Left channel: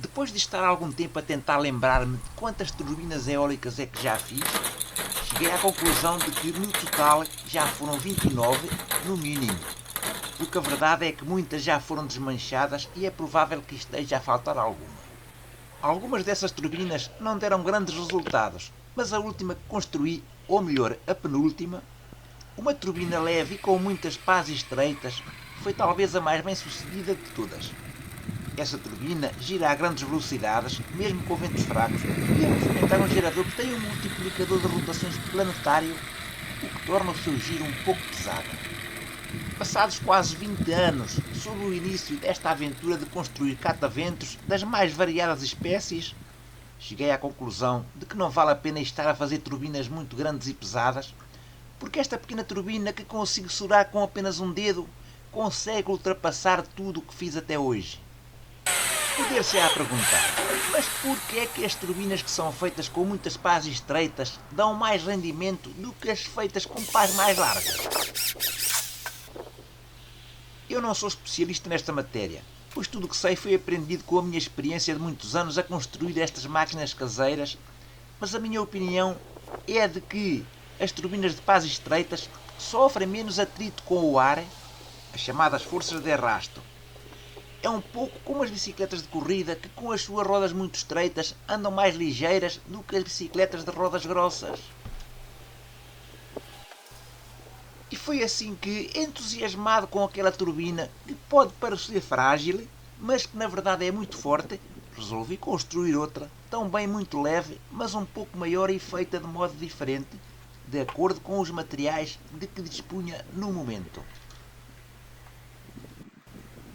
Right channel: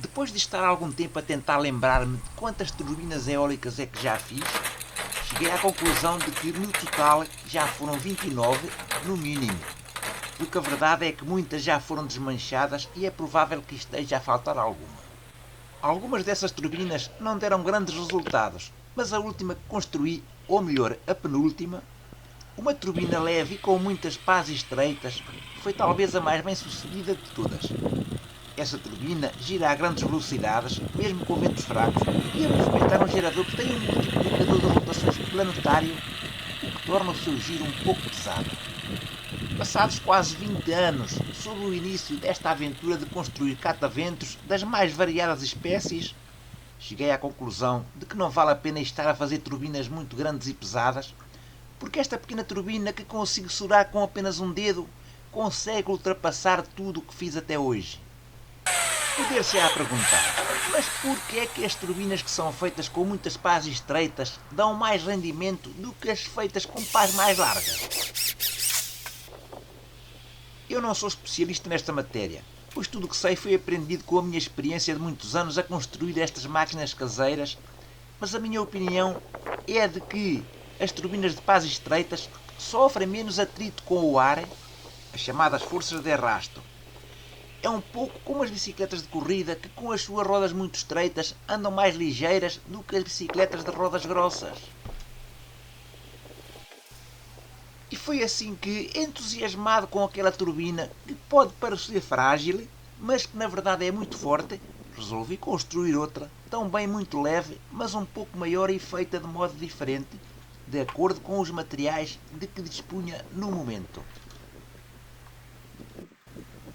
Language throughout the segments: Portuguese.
Depois de estar algum tempo a tentar lembrar-me de quantas turbinas eólicas é que já fiz, cheguei à conclusão de que no total já foram 29, no mínimo. Porque a verdade é que muitas já foram desmanchadas e é provável que esteja a faltar alguma. Algumas dessas turbinas não deram grandes resultados, mas a última que construí, ou melhor, a penúltima, uma turbina leve e com muitas pás estreitas, foi talvez a mais bem sucedida de todas. Essa turbina gira a grandes velocidades, mesmo com ventos fracos, e a movimentar um gerador que tem um multiplicador de rotações planetário, o que torna o seu giro um pouco pesado. Passados quase 20 anos, sob o início desta aventura de construir cataventos das mais variadas espécies, cheguei à conclusão de que não vale a pena estar a fazer turbinas muito grandes e pesadas, porque esta pequena turbina que consigo segurar com apenas um dedo consegue ultrapassar tudo o que fiz até hoje. Poder-se-á perguntar, mas porquê é que as turbinas que são feitas com muitas pás estreitas dão mais rendimento do que as feitas com pás mais largas? Eu não sou especialista nesta matéria, pois tudo o que sei foi aprendido com a minha experiência de muitos anos a construir estas máquinas caseiras, mas a minha opinião é de que as turbinas de pás estreitas sofrem menos atrito com o ar, as chamadas forças de arrasto. É um pouco como as bicicletas de corrida que com as suas rodas muito estreitas andam mais ligeiras do que as bicicletas de rodas grossas. E foi assim que, entusiasmado com aquela turbina, que pode parecer frágil, mas que na verdade é muito forte, resolvi construir outra, também muito leve, mas um pouco maior e feita de modo diferente, de acordo com os materiais de que dispunha no momento.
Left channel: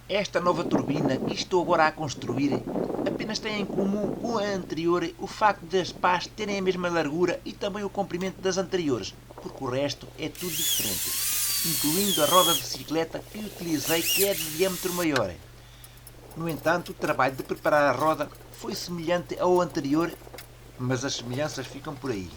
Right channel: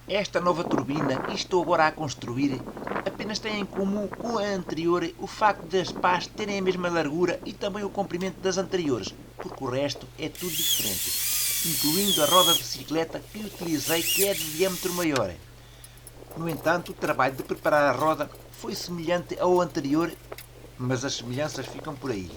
Esta nova turbina que estou agora a construir apenas tem em comum com a anterior o facto das pás terem a mesma largura e também o comprimento das anteriores, porque o resto é tudo diferente, incluindo a roda de bicicleta que utilizei, que é de diâmetro maior. No entanto, o trabalho de preparar a roda foi semelhante ao anterior, mas as semelhanças ficam por aí.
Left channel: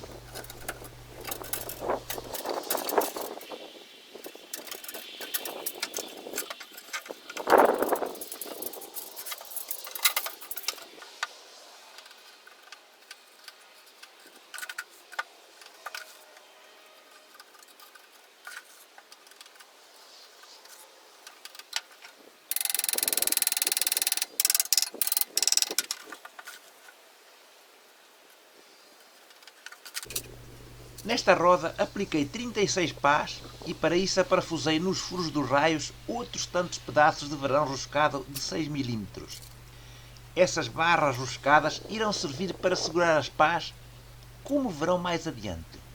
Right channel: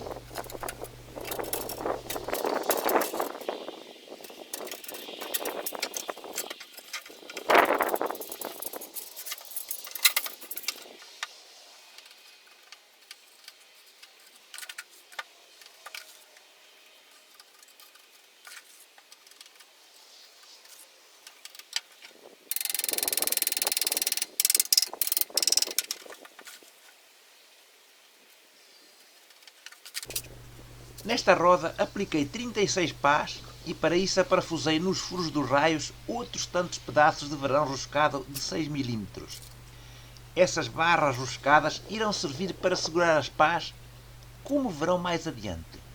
Nesta roda apliquei 36 pás e para isso aparafusei nos furos dos raios outros tantos pedaços de varão roscado de 6 mm. Essas barras roscadas irão servir para segurar as pás, como verão mais adiante.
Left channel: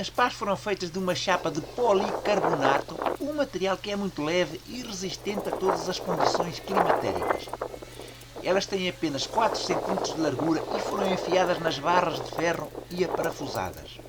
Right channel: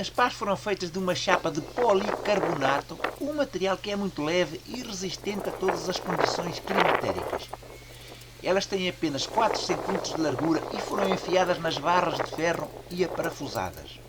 As pás foram feitas de uma chapa de policarbonato, um material que é muito leve e resistente a todas as condições climatéricas. Elas têm apenas 4 cm de largura e foram enfiadas nas barras de ferro e aparafusadas.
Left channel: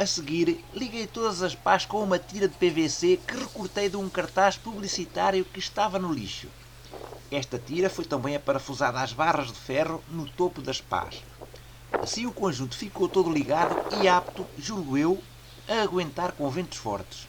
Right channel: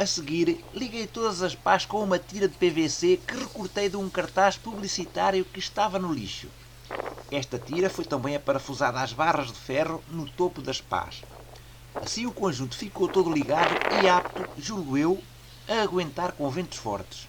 A seguir, liguei todas as pás com uma tira de PVC que recortei de um cartaz publicitário que estava no lixo. Esta tira foi também aparafusada às barras de ferro no topo das pás. Assim o conjunto ficou todo ligado e apto, julgo eu, a aguentar com ventos fortes.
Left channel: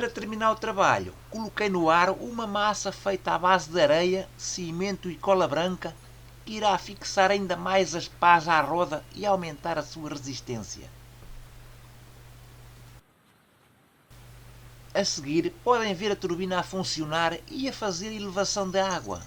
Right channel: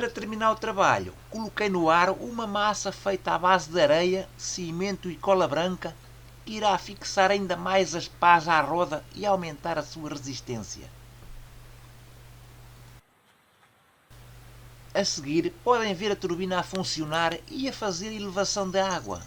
Para terminar o trabalho, coloquei no aro uma massa feita à base de areia, cimento e cola branca, que irá fixar ainda mais as pás à roda e aumentar a sua resistência. A seguir, podem ver a turbina a funcionar e a fazer elevação da água.